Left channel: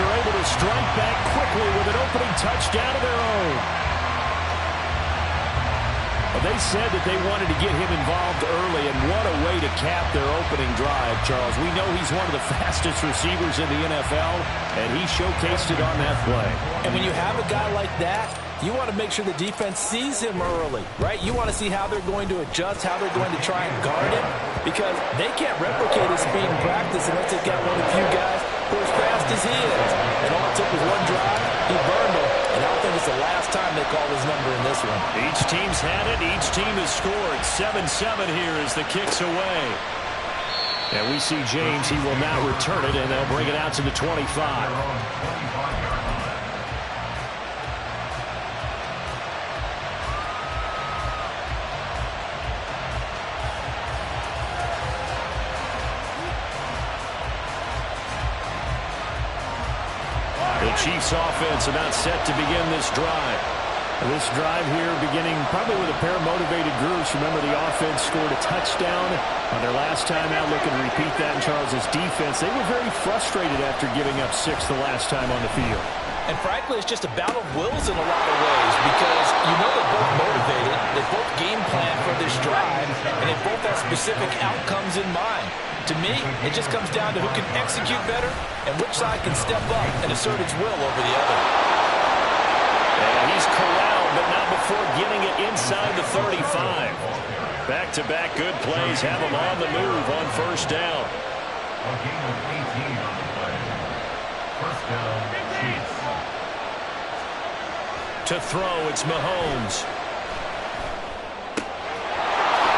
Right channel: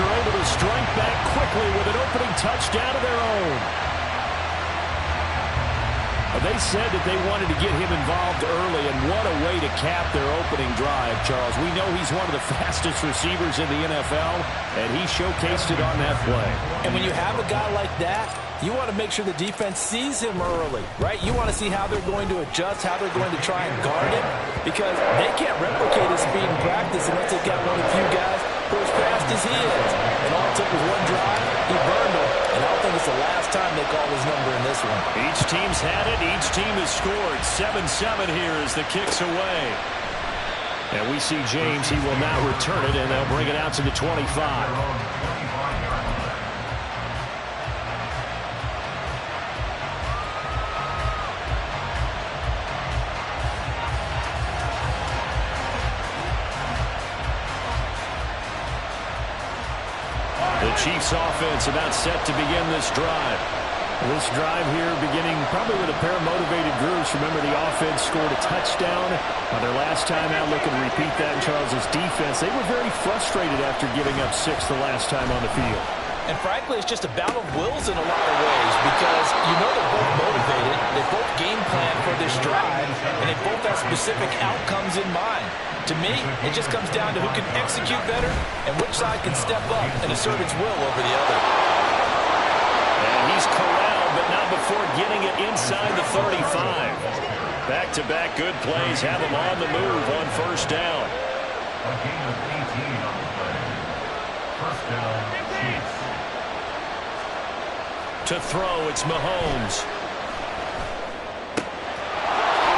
Eagles are able to strike back quickly with an opening touchdown of their own. They said that they wanted to get him involved early, and what a way to cap their opening drive, Charles. We know he's one of the fastest receivers in the NFL, and he showcased it on that play. And when you have a guy like that, you want to make sure the defense sees him early, right? You want to see how they're going to adjust, how they're going to try and guard him, because they can't replicate his speed in practice unless they've got one of the few guys who are as fast as he is. And all it took was one drive, he burned them, and I don't think it's the last time they call his number in this one. Each team's had it, each team has scored. 7-7 here as the kick's away. And we see James, he will now return it, and they'll bring it out to the 25. The Chiefs offense about set to begin this drive. This drive here beginning probably with a pair of motivated groups. Remember, the offense scored a touchdown on their last time out. Looking to repeat that in Charles's defense. They were very frustrated after giving up 6 the last time on the field. And frankly, it's just a battle of wills in a lot of ways, because you know they're both motivated, they both game plan for this drive, and they both have specific outcomes in mind. To me, it just comes down to who can execute better and which side can step up and assert its will over the other. And he's corralled, but not before getting it inside the 35. Back-to-back good plays have him on the move on first down. A gain of 18 on the play. First down, Chiefs. To throw, it's Mahomes.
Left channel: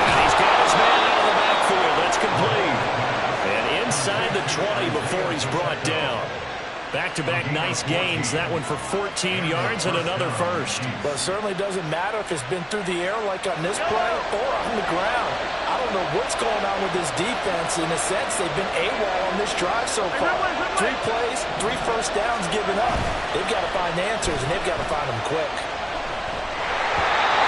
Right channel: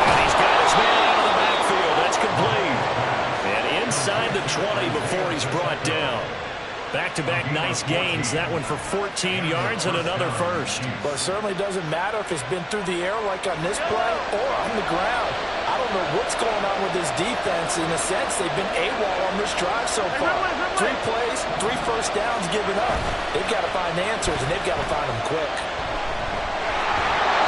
And he's got his man out of the backfield. That's complete. And inside the 20 before he's brought down. Back-to-back nice gains. That one for 14 yards and another first. Well, it certainly doesn't matter if it's been through the air like on this play or on the ground. I don't know what's going on with this defense. In a sense, they've been AWOL on this drive so far. 3 plays, 3 first downs given up. They've got to find answers, and they've got to find them quick.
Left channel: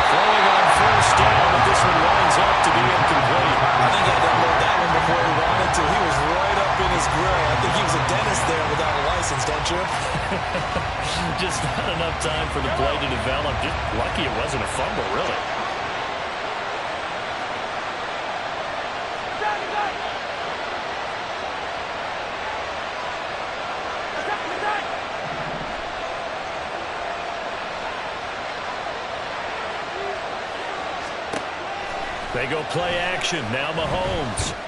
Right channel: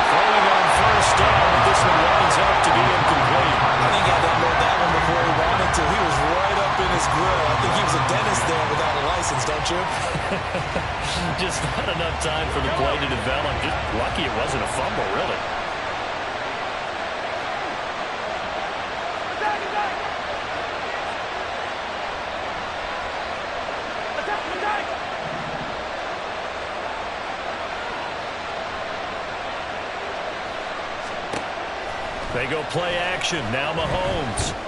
Throwing on first down, but this one winds up to be incomplete. I think he had to unload that one before he wanted to. He was right up in his grill. I think he was a dentist there without a license, don't you? Just not enough time for the play to develop. Just lucky it wasn't a fumble, really. They go play action. Now Mahomes.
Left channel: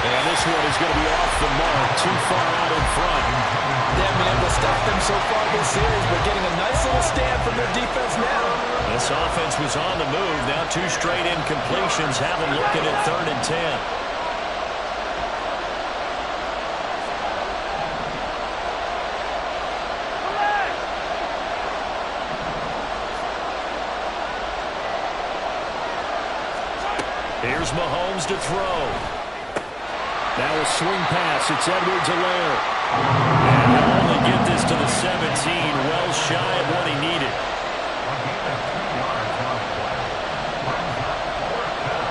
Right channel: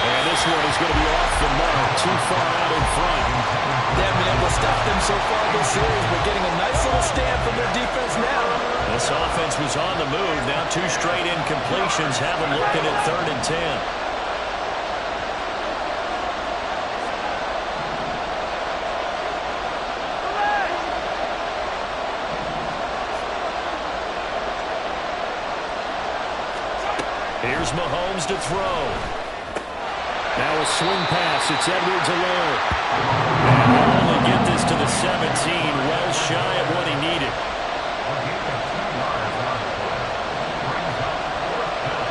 And this one is going to be off the mark. Too far out in front. They haven't been able to stop them so far this series, but getting a nice little stand from their defense now. This offense was on the move. Now 2 straight incompletions have them looking at 3rd and 10. Here's Mahomes to throw. Now a swing pass. It's Edwards-Helaire. And he'll only get this to the 17. Well shy of what he needed. A gain of 2 yards on the play. Brings up 4th down.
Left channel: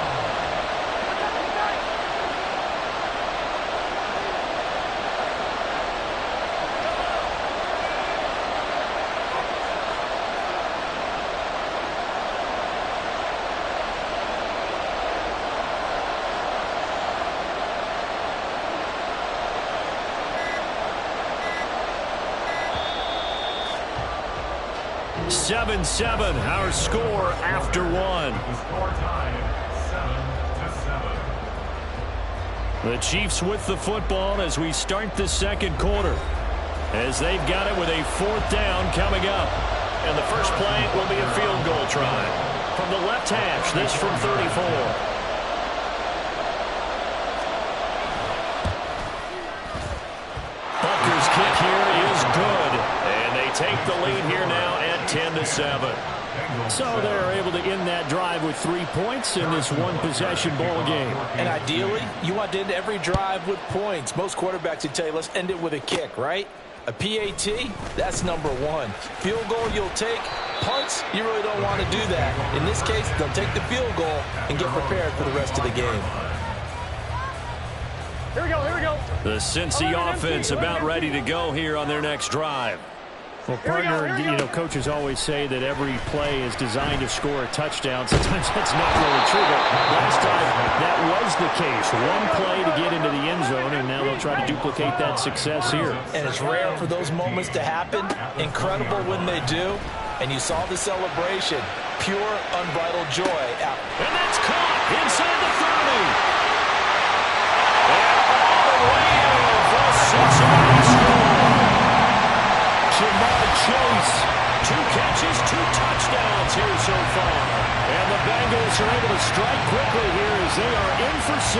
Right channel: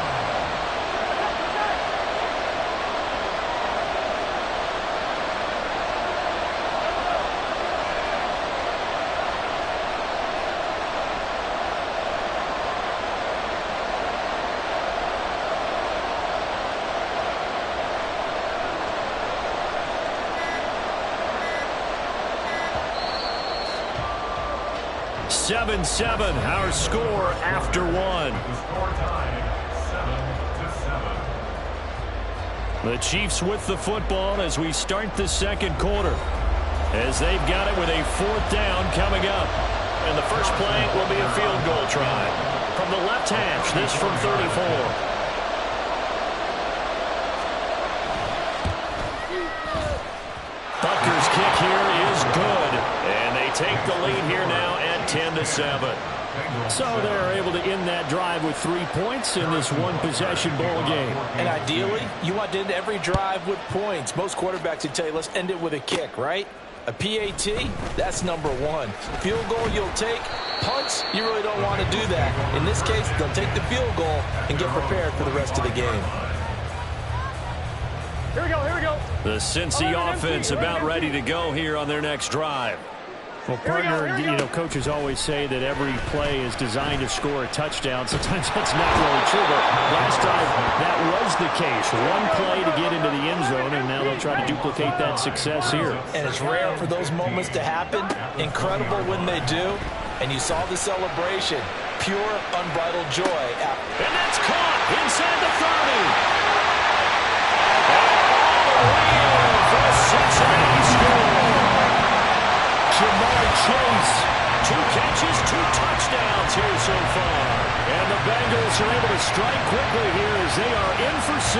Seven, our score after 1. The score tied 7-7. The Chiefs with the football as we start the second quarter. As they've got it with a 4th down coming up. And the first play will be a field goal try. From the left hash, this from 34. Butker's kick here is good. And they take the lead here now at 10-7. So they're able to end that drive with 3 points in this one-possession ball game. And ideally, you want to end every drive with points. Most quarterbacks would tell you, let's end it with a kick, right? A PAT, that's number 1. Field goal you'll take. Punts, you really don't want to do that. In this case, they'll take the field goal and get prepared for the rest of the game. Here we go, here we go. The Cincy offense about ready to go here on their next drive. Well, partner, you know, coaches always say that every play is designed to score a touchdown. Sometimes that's not really true, but last drive, that was the case. One play to get into the end zone, and now they'll try to duplicate that success here. And it's rare for those moments to happen. Incredible when they do. And you saw the celebration. Pure, unbridled joy. And that's caught inside the 30. And all the way in for a Cincinnati score. Ja'Marr Chase, 2 catches, 2 touchdowns here so far. And the Bengals are able to strike quickly here as they are in for 6.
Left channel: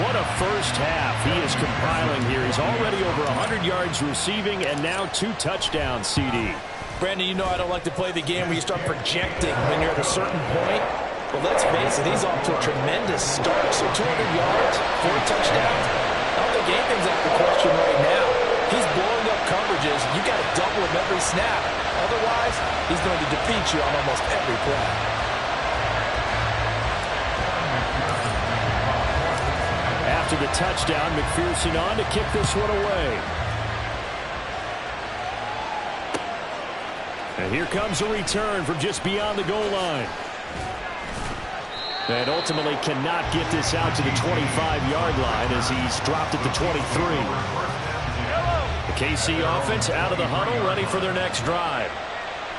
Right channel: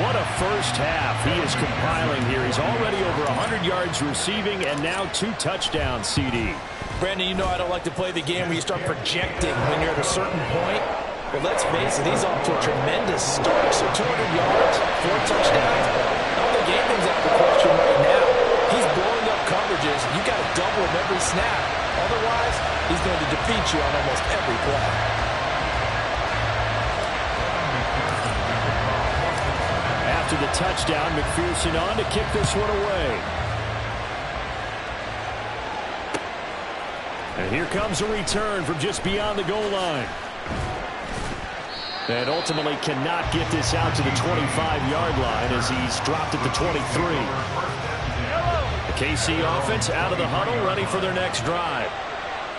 What a first half he is compiling here. He's already over 100 yards receiving and now 2 touchdowns, CD. Brandon, you know I don't like to play the game where you start projecting when you're at a certain point. But let's face it, he's off to a tremendous start. So 200 yards, 4 touchdowns. I don't think anything's out of the question right now. He's blowing up coverages. You got to double him every snap. Otherwise, he's going to defeat you on almost every play. After the touchdown, McPherson on to kick this one away. And here comes a return from just beyond the goal line. And ultimately cannot get this out to the 25-yard line as he's dropped at the 23. The KC offense out of the huddle, ready for their next drive.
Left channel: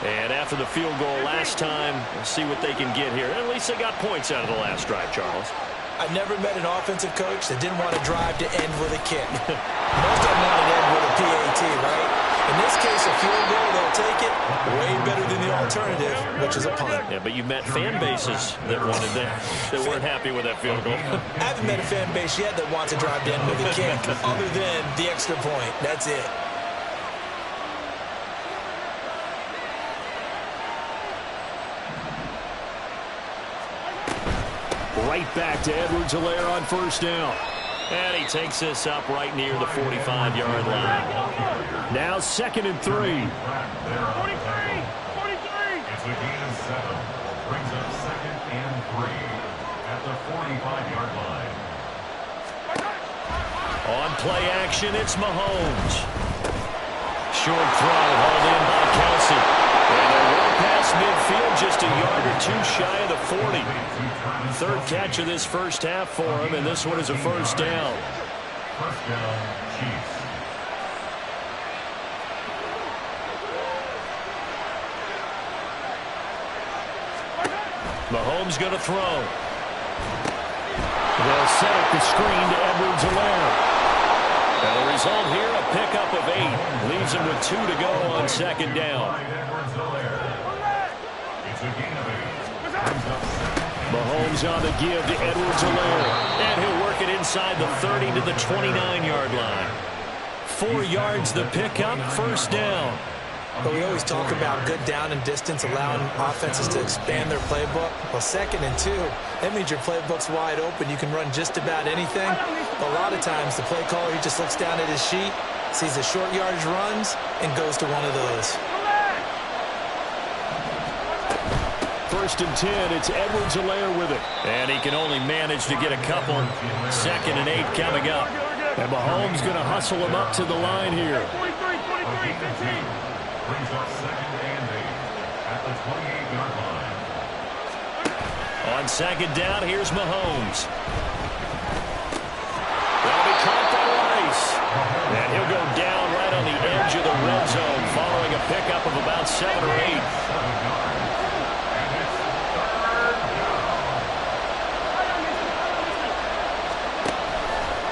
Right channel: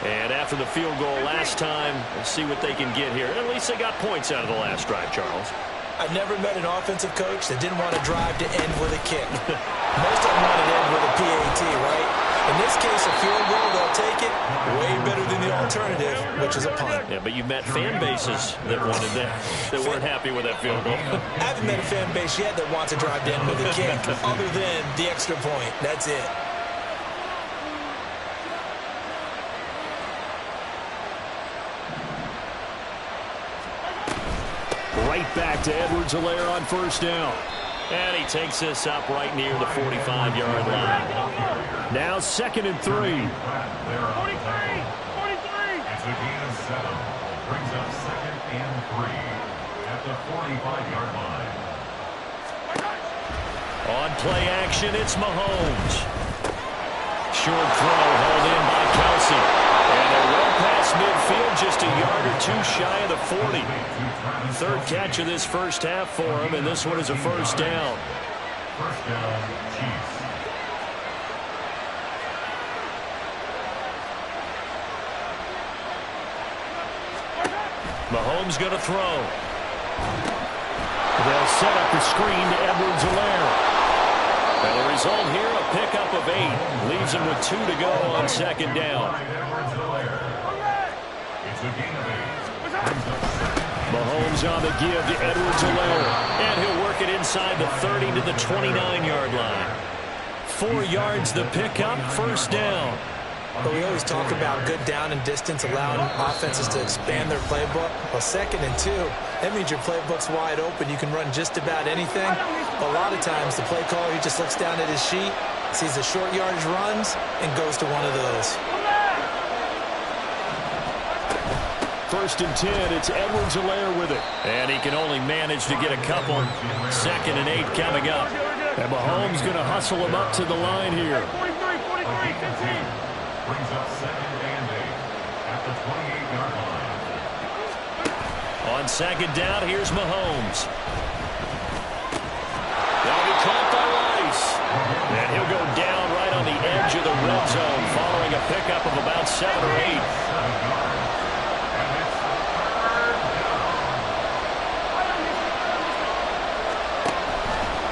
And after the field goal last time, we'll see what they can get here. At least they got points out of the last drive, Charles. I've never met an offensive coach that didn't want a drive to end with a kick. Most of them want it to end with a PAT, right? In this case, a field goal, they'll take it. Way better than the alternative, which is a punt. Yeah, but you've met fan bases that wanted that weren't happy with that field goal. I haven't met a fan base yet that wants a drive to end with a kick, other than the extra point. That's it. Right back to Edwards-Helaire on first down. And he takes this up right near the 45-yard line. Now 2nd and 3. 43. It's a gain of 7. Brings up 2nd and 3 at the 45-yard line. On play action, it's Mahomes. Short throw hauled in by Kelsey. And they're well past midfield, just a yard or 2 shy of the 40. 3rd catch of this first half for him, and this one is a first down. First down, Chiefs. Mahomes going to throw. They'll set up the screen to Edwards-Helaire. And the result here, a pickup of 8. Leaves him with 2 to go on 2nd down. Mahomes on the give to Edwards-Helaire. And he'll work it inside the 30 to the 29-yard line. 4 yards the pickup, first down. But we always talk about good down and distance, allowing offenses to expand their playbook. Well, 2nd and 2, that means your playbook's wide open. You can run just about anything. But a lot of times, the play caller, he just looks down at his sheet, sees the short yardage runs, and goes to one of those. 1st and 10, it's Edwards-Helaire with it. And he can only manage to get a couple. 2nd and 8 coming up. And Mahomes going to hustle him up to the line here. 43, 15. Brings up 2nd and 8 at the 28-yard line. On 2nd down, here's Mahomes. That'll be caught by Rice. And he'll go down right on the edge of the red zone following a pickup of about 7 or 8. 7 yards. And it's 3rd down.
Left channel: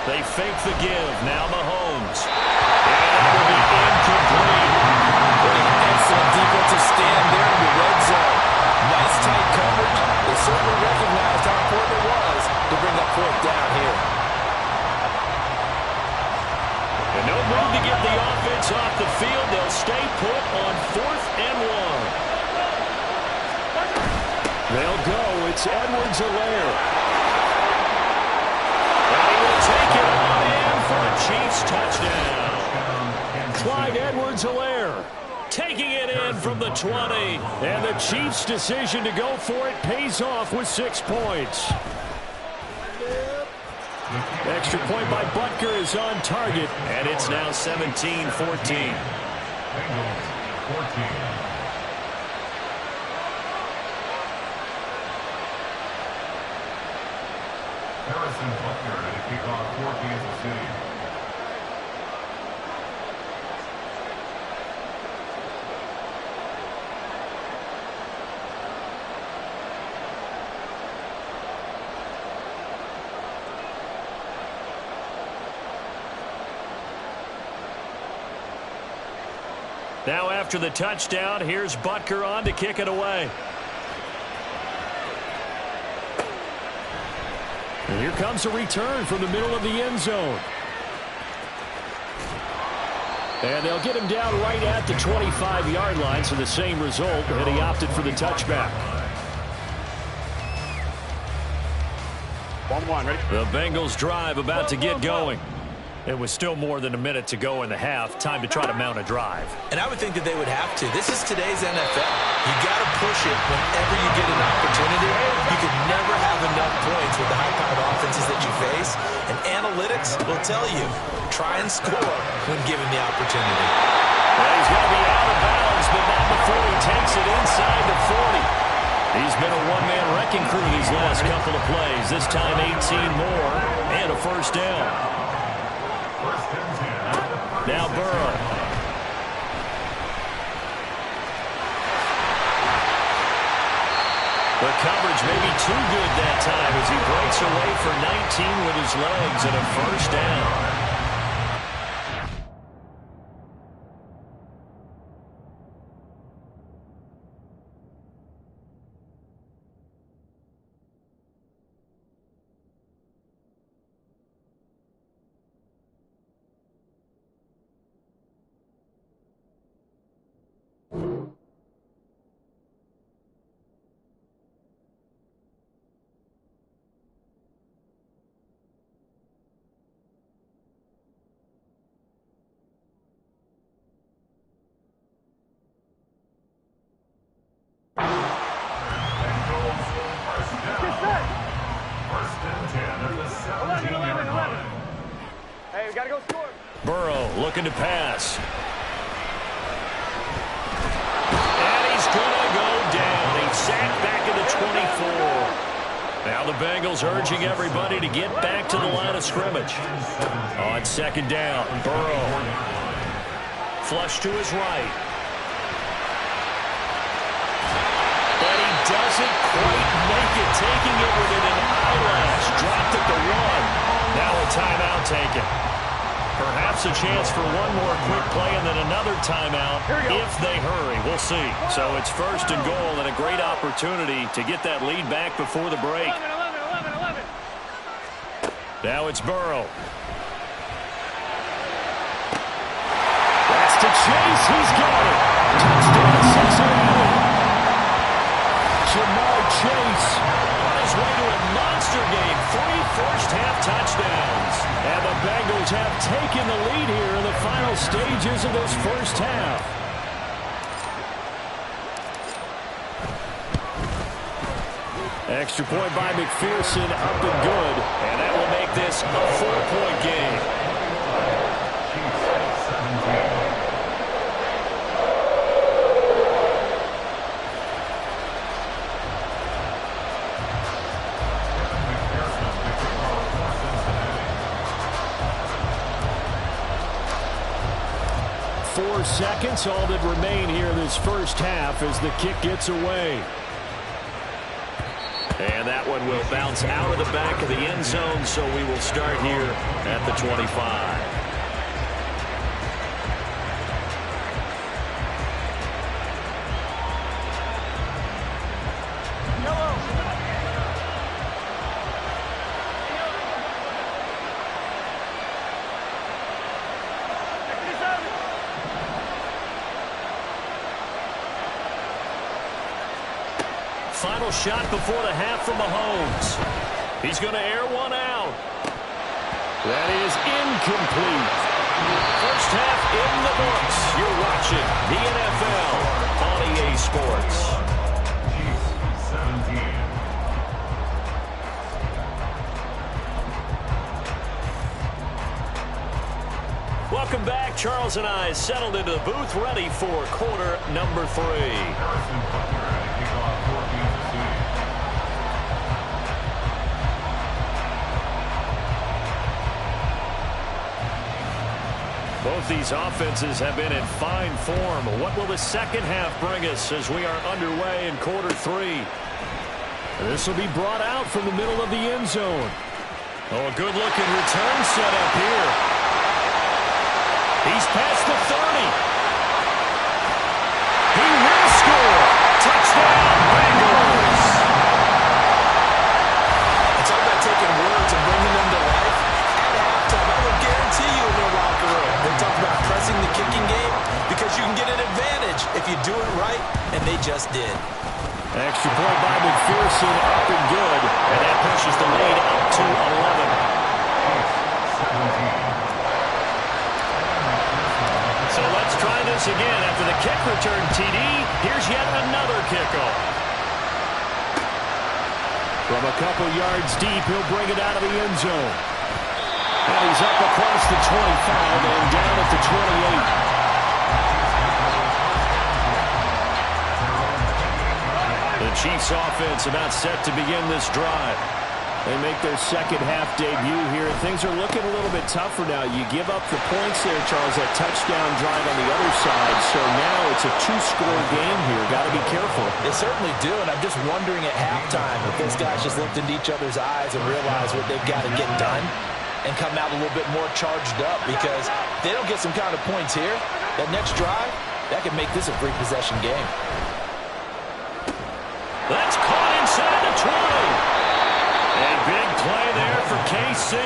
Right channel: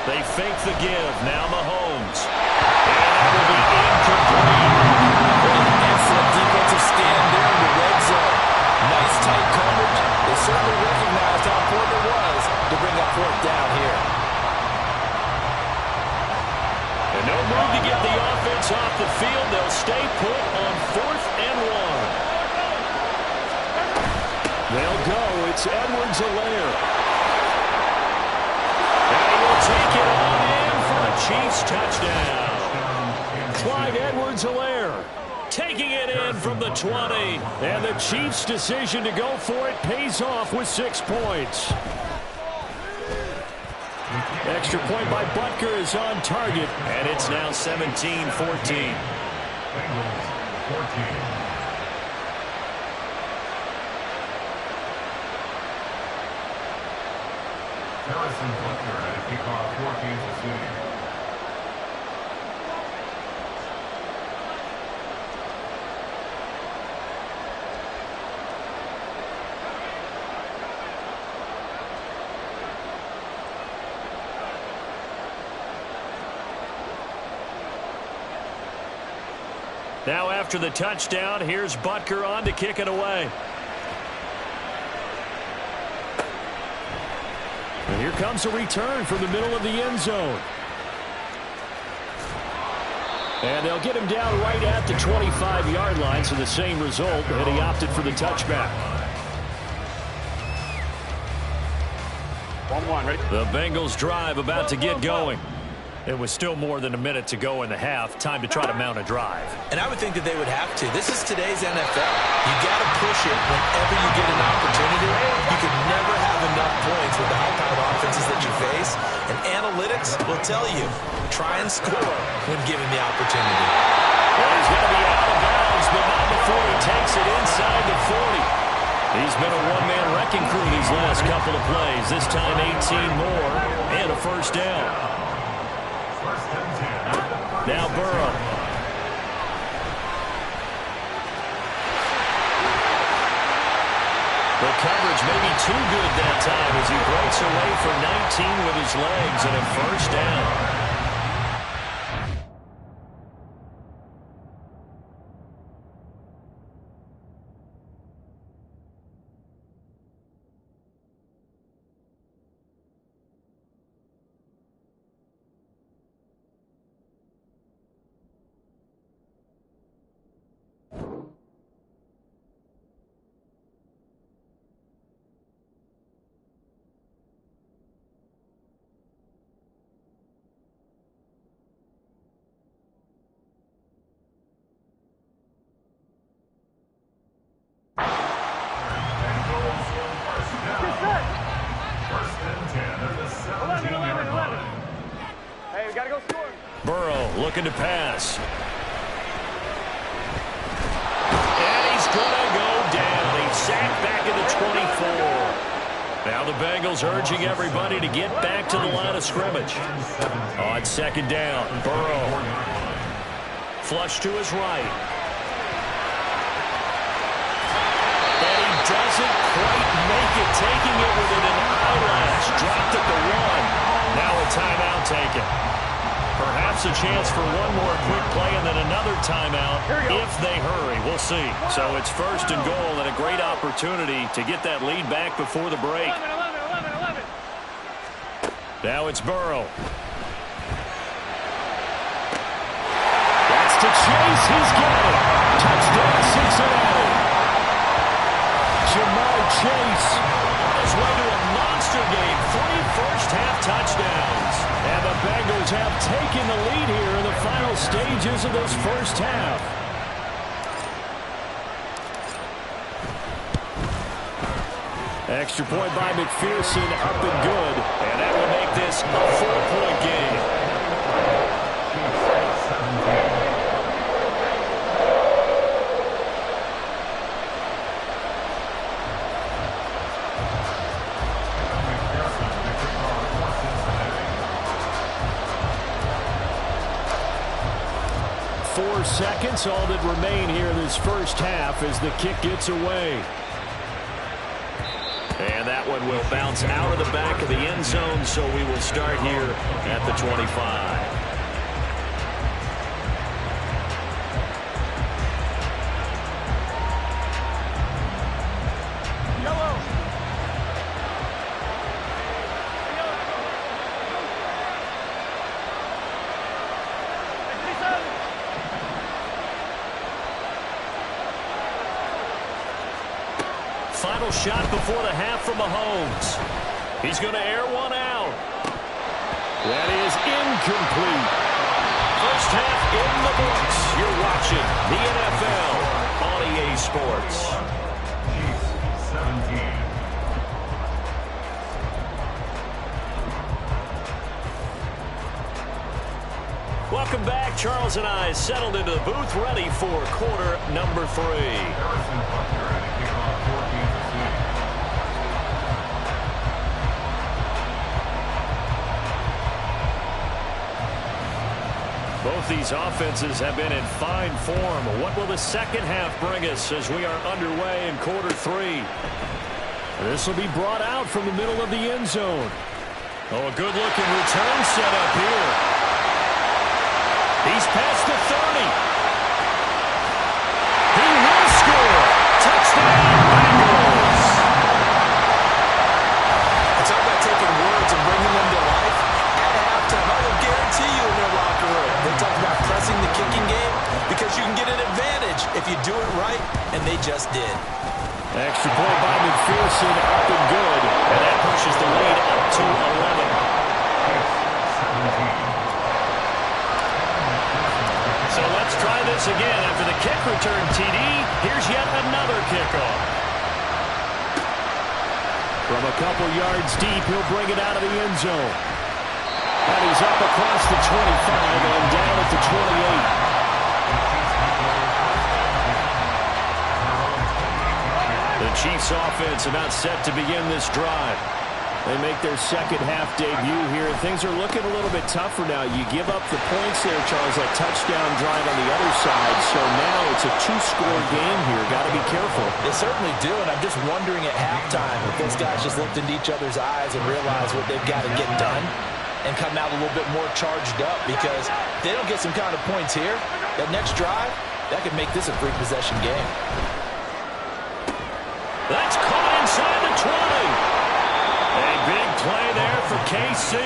They fake the give. Now Mahomes. And that will be incomplete. Put an excellent defensive stand there in the red zone. Nice tight coverage. They certainly recognized how important it was to bring up 4th down here. And no move to get the offense off the field. They'll stay put on 4th and 1. They'll go. It's Edwards-Helaire. And he will take it on in for a Chiefs touchdown. Clyde Edwards-Helaire taking it in from the 20. And the Chiefs' decision to go for it pays off with 6 points. Extra point by Butker is on target, and it's now 17-14. Bengals 14. Harrison Butker at a kickoff for Kansas City. Now after the touchdown, here's Butker on to kick it away. And here comes a return from the middle of the end zone. And they'll get him down right at the 25-yard line, so the same result, and he opted for the touchback. 1-1, ready? The Bengals drive about to get going. It was still more than a minute to go in the half. Time to try to mount a drive. And I would think that they would have to. This is today's NFL. You got to push it whenever you get an opportunity. You can never have enough points with the high-powered offenses that you face. And analytics will tell you, try and score when given the opportunity. Well, he's going to be out of bounds, but not before he takes it inside the 40. He's been a one-man wrecking crew these last couple of plays. This time 18 more and a first down. Now Burrow. The coverage may be too good that time as he breaks away for 19 with his legs and a first down. Burrow looking to pass. And he's going to go down. He's sacked back at the 24. Now the Bengals urging everybody to get back to the line of scrimmage. On second down, Burrow. Flush to his right. And he doesn't quite make it, taking it within an eyelash. Dropped at the 1. Now a timeout taken. Perhaps a chance for one more quick play and then another timeout if they hurry. We'll see. So it's first and goal and a great opportunity to get that lead back before the break. 11. Now it's Burrow. That's to Chase. He's got it. Touchdown Cincinnati. Ja'Marr Chase on his way to a monster game. 3 first-half touchdowns. And the Bengals have taken the lead here in the final stages of this first half. Extra point by McPherson, up and good. And that will make this a 4-point game. 17. Four seconds, all that remain here this first half as the kick gets away. And that one will bounce out of the back of the end zone, so we will start here at the 25. Final shot before the half from Mahomes. He's going to air one out. That is incomplete. First half in the books. You're watching the NFL on EA Sports. Chiefs 17. Welcome back. Charles and I settled into the booth, ready for quarter number 3. Harrison Butker at a kickoff for Kansas City. Both these offenses have been in fine form. What will the second half bring us as we are underway in quarter 3? This will be brought out from the middle of the end zone. Oh, a good-looking return set up here. He's past the 30. He will score. Touchdown, Bengals. It's all about taking words and bringing them to life. At halftime, I will guarantee you in their locker room, they talk about pressing the kicking game because you can get an advantage if you do it right, and they just did. Extra point by McPherson, up and good, and that pushes the lead up to 11. 17. So let's try this again. After the kick return TD, here's yet another kickoff. From a couple yards deep, he'll bring it out of the end zone. And he's up across the 25 and down at the 28. The Chiefs offense about set to begin this drive. They make their second half debut here, and things are looking a little bit tougher now. You give up the points there, Charles, that touchdown drive on the other side. So now it's a 2-score game here. Got to be careful. They certainly do, and I'm just wondering at halftime if those guys just looked into each other's eyes and realized what they've got to get done and come out a little bit more charged up, because if they don't get some kind of points here, that next drive, that could make this a free possession game. That's caught inside the 20. A big play there for KC,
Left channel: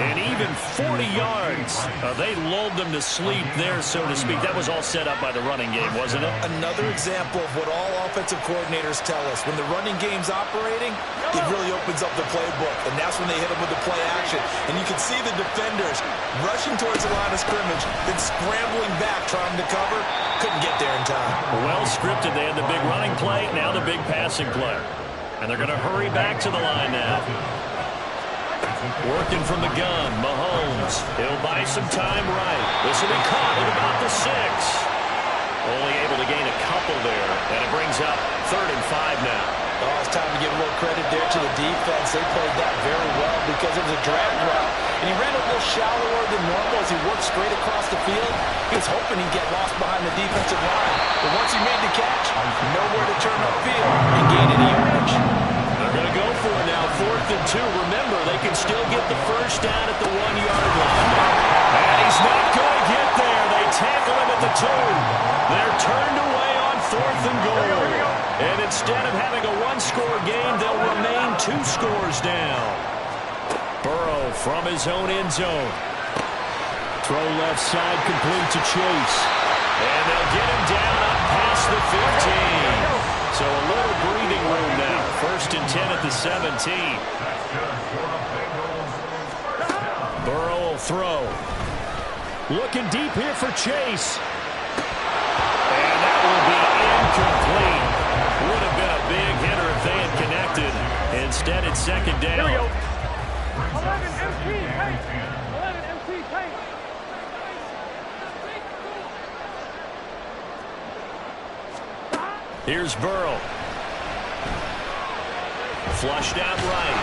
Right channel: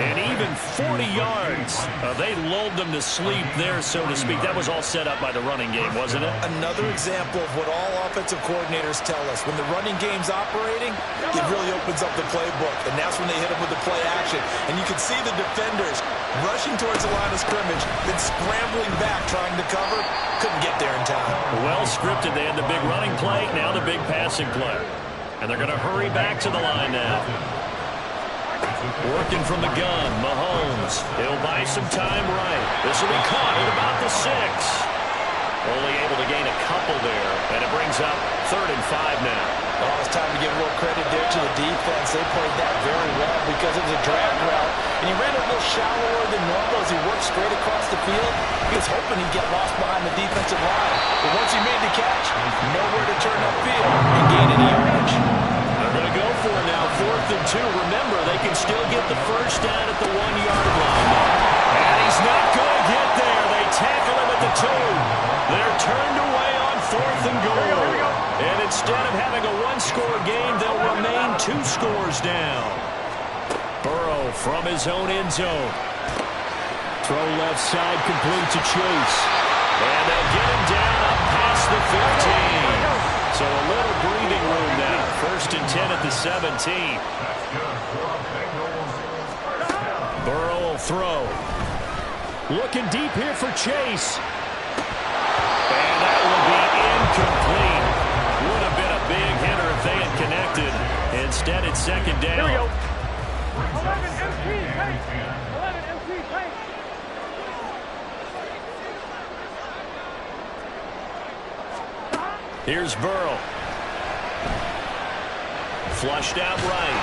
and even 40 yards. They lulled them to sleep there, so to speak. That was all set up by the running game, wasn't it? Another example of what all offensive coordinators tell us. When the running game's operating, it really opens up the playbook, and that's when they hit them with the play action. And you can see the defenders rushing towards the line of scrimmage, then scrambling back trying to cover. Couldn't get there in time. Well scripted. They had the big running play, now the big passing play. And they're going to hurry back to the line now. Working from the gun, Mahomes. He'll buy some time right. This will be caught at about the 6. Only able to gain a couple there, and it brings up 3rd and 5 now. Oh, it's time to give a little credit there to the defense. They played that very well because it was a drag route, and he ran a little shallower than normal as he worked straight across the field. He was hoping he'd get lost behind the defensive line, but once he made the catch, nowhere to turn upfield and gain any yardage. They're going to go for it now, 4th and 2. Remember, they can still get the first down at the 1-yard line now. And he's not going to get there. They tackle him at the 2. They're turned away on 4th and goal. And instead of having a 1-score game, they'll remain 2 scores down. Burrow from his own end zone. Throw left side, complete to Chase. And they'll get him down up past the 15. So a little breathing room now. 1st and 10 at the 17. That's good for a Bengals first down. Burrow will throw. Looking deep here for Chase. And that will be incomplete. Would have been a big hitter if they had connected. Instead, it's 2nd down. Here we go. Brings up 11 2nd MC and tank. 10. 11 MC tank. Here's Burrow. Flushed out right.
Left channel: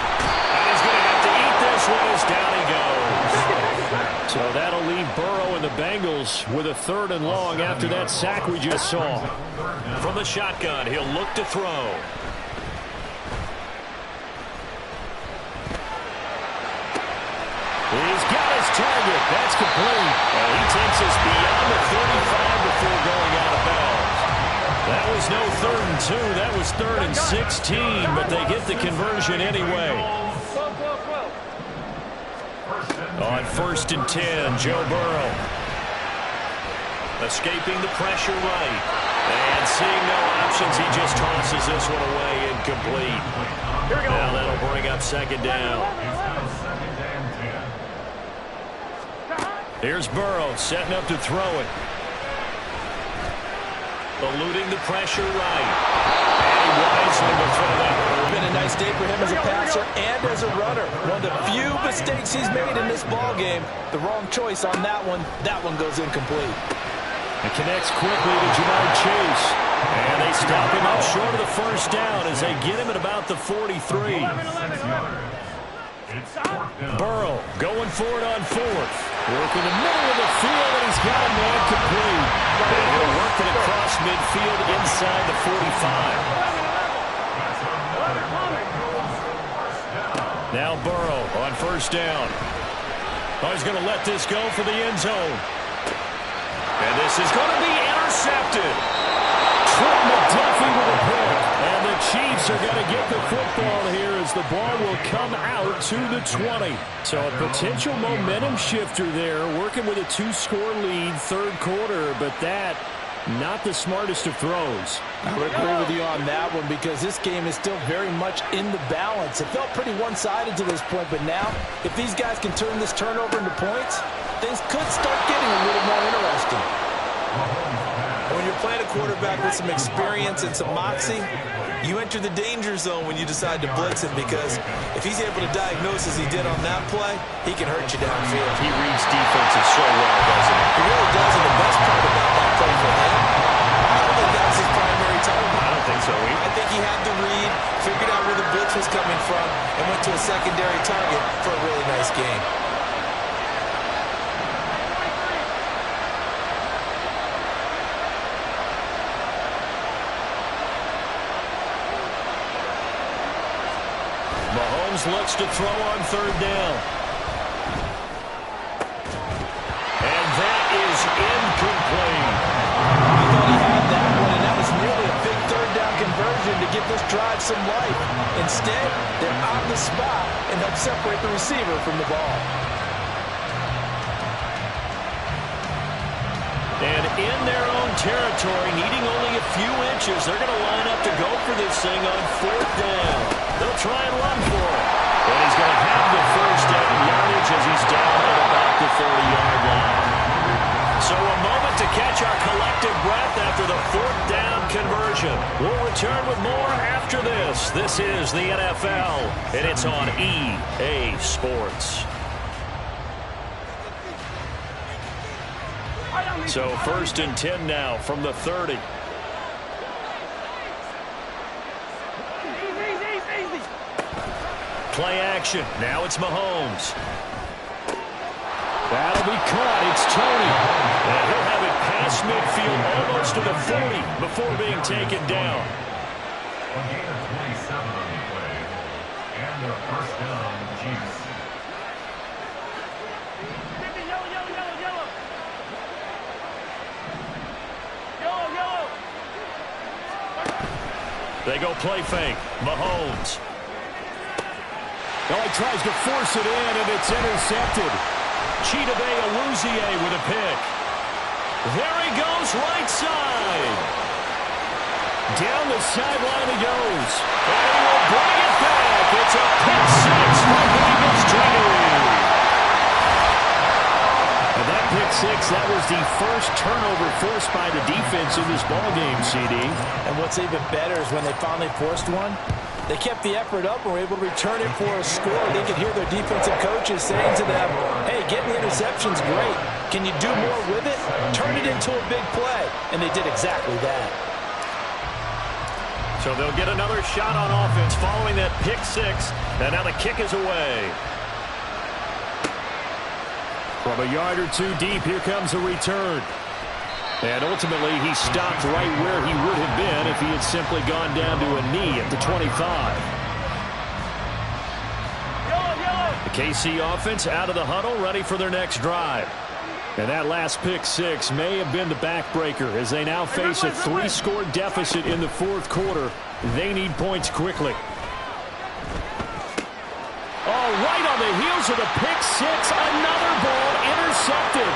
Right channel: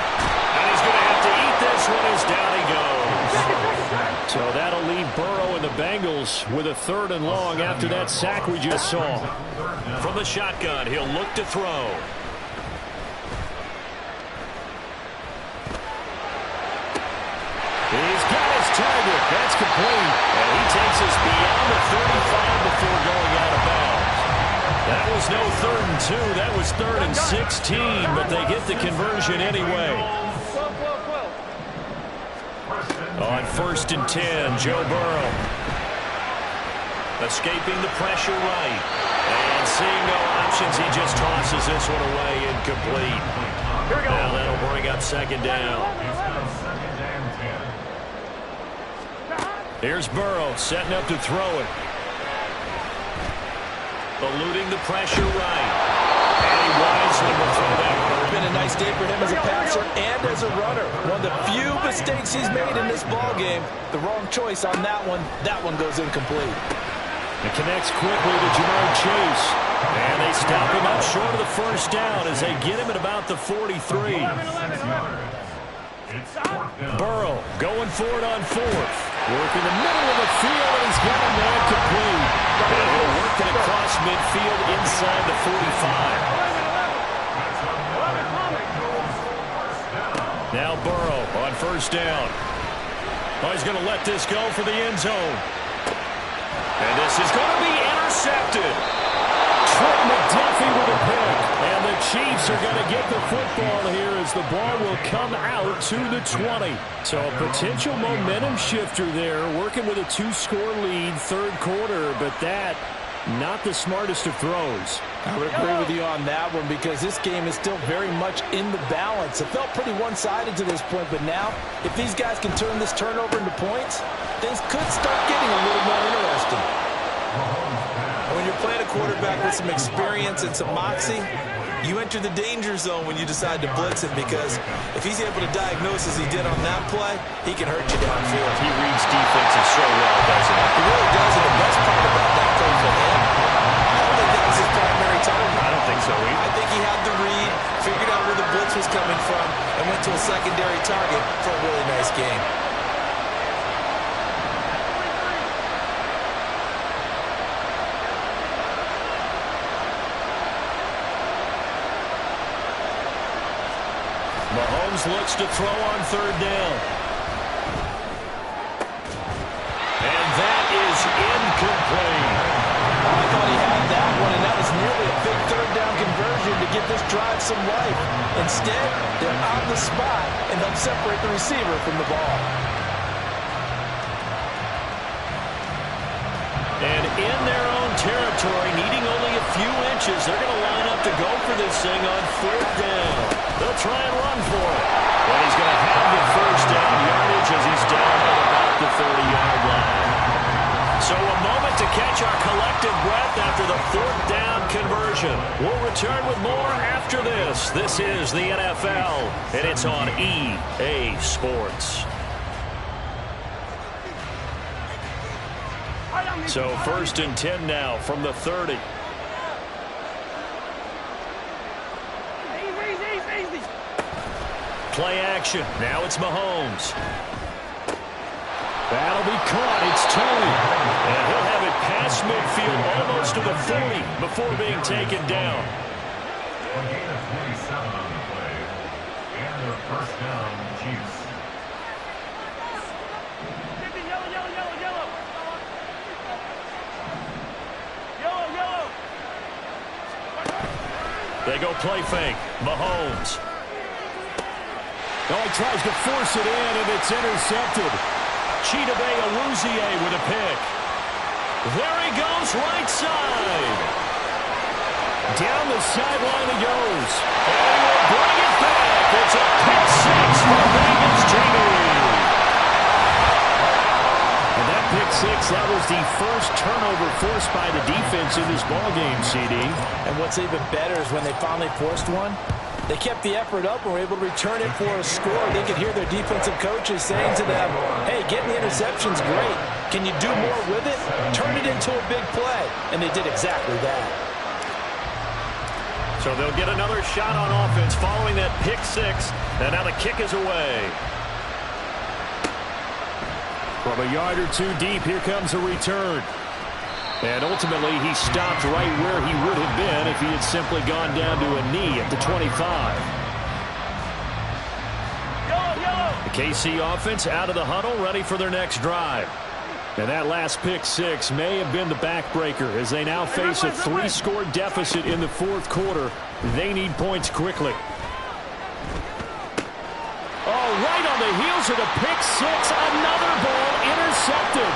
And he's going to have to eat this one as down he goes. So that'll leave Burrow and the Bengals with a 3rd and long after that sack we just saw. From the shotgun, he'll look to throw. He's got his target. That's complete. And he takes us beyond the 35 before going out of bounds. That was no 3rd and 2. That was 3rd and 16, but they get the conversion anyway. 12. On 1st and 10, Joe Burrow. Escaping the pressure right. And seeing no options, he just tosses this one away incomplete. Here we go. Now that'll bring up 2nd down. It's now 2nd and 10. Here's Burrow setting up to throw it. Eluding the pressure right. And he wisely will throw that one away. It's been a nice day for him as a passer and as a runner. One of the few mistakes he's made in this ball game. The wrong choice on that one. That one goes incomplete. It connects quickly to Jamar Chase. And they stop him up short of the first down as they get him at about the 43. Burrow going for it on fourth. Work in the middle of the field, and he's got a man complete. And he'll work it across midfield inside the 45. Now Burrow on first down. Oh, he's going to let this go for the end zone. And this is going to be intercepted. Trent McDuffie with a pick. And the Chiefs are going to get the football here as the ball will come out to the 20. So a potential momentum shifter there, working with a 2-score lead, third quarter, but that not the smartest of throws. I would agree with you on that one because this game is still very much in the balance. It felt pretty one-sided to this point, but now if these guys can turn this turnover into points, things could start getting a little more interesting. When you're playing a quarterback with some experience and some moxie, you enter the danger zone when you decide to blitz him because if he's able to diagnose as he did on that play, he can hurt you downfield. He reads defenses so well, doesn't he? He really does, and the best part about that play for him, I don't think that was his primary target. I don't think so either. I think he had the read, figured out where the blitz was coming from, and went to a secondary target for a really nice game. Mahomes looks to throw on third down. And that is incomplete. I thought he had that one, and that was nearly a big third down conversion to give this drive some life. Instead, they're on the spot and help separate the receiver from the ball. And in their own territory, needing only a few inches, they're going to line up to go for this thing on fourth down. They'll try and run for it. And he's going to have the first down yardage as he's down at about the 30-yard line. So a moment to catch our collective breath after the fourth down conversion. We'll return with more after this. This is the NFL, and it's on EA Sports. So first and 10 now from the 30. Easy. Play action. Now it's Mahomes. That'll be caught. It's Tony. And he'll have it past midfield almost to the 40 before being taken down. A gain of 27 on the play. And a first down, Chiefs. Yellow. They go play fake. Mahomes. Oh, he tries to force it in, and it's intercepted. Chidobe Awuzie with a pick. There he goes, right side. Down the sideline he goes. And he will bring it back. It's a pick six for Bengals JD. And that pick six, that was the first turnover forced by the defense in this ballgame, CD. And what's even better is when they finally forced one, they kept the effort up and were able to return it for a score. They could hear their defensive coaches saying to them, hey, getting the interception's great. Can you do more with it? Turn it into a big play. And they did exactly that. So they'll get another shot on offense following that pick six. And now the kick is away. From a yard or two deep, here comes a return. And ultimately, he stopped right where he would have been if he had simply gone down to a knee at the 25. The KC offense out of the huddle, ready for their next drive. And that last pick six may have been the backbreaker as they now face a 3-score deficit in the fourth quarter. They need points quickly. Oh, right on the heels of the pick six, another ball intercepted.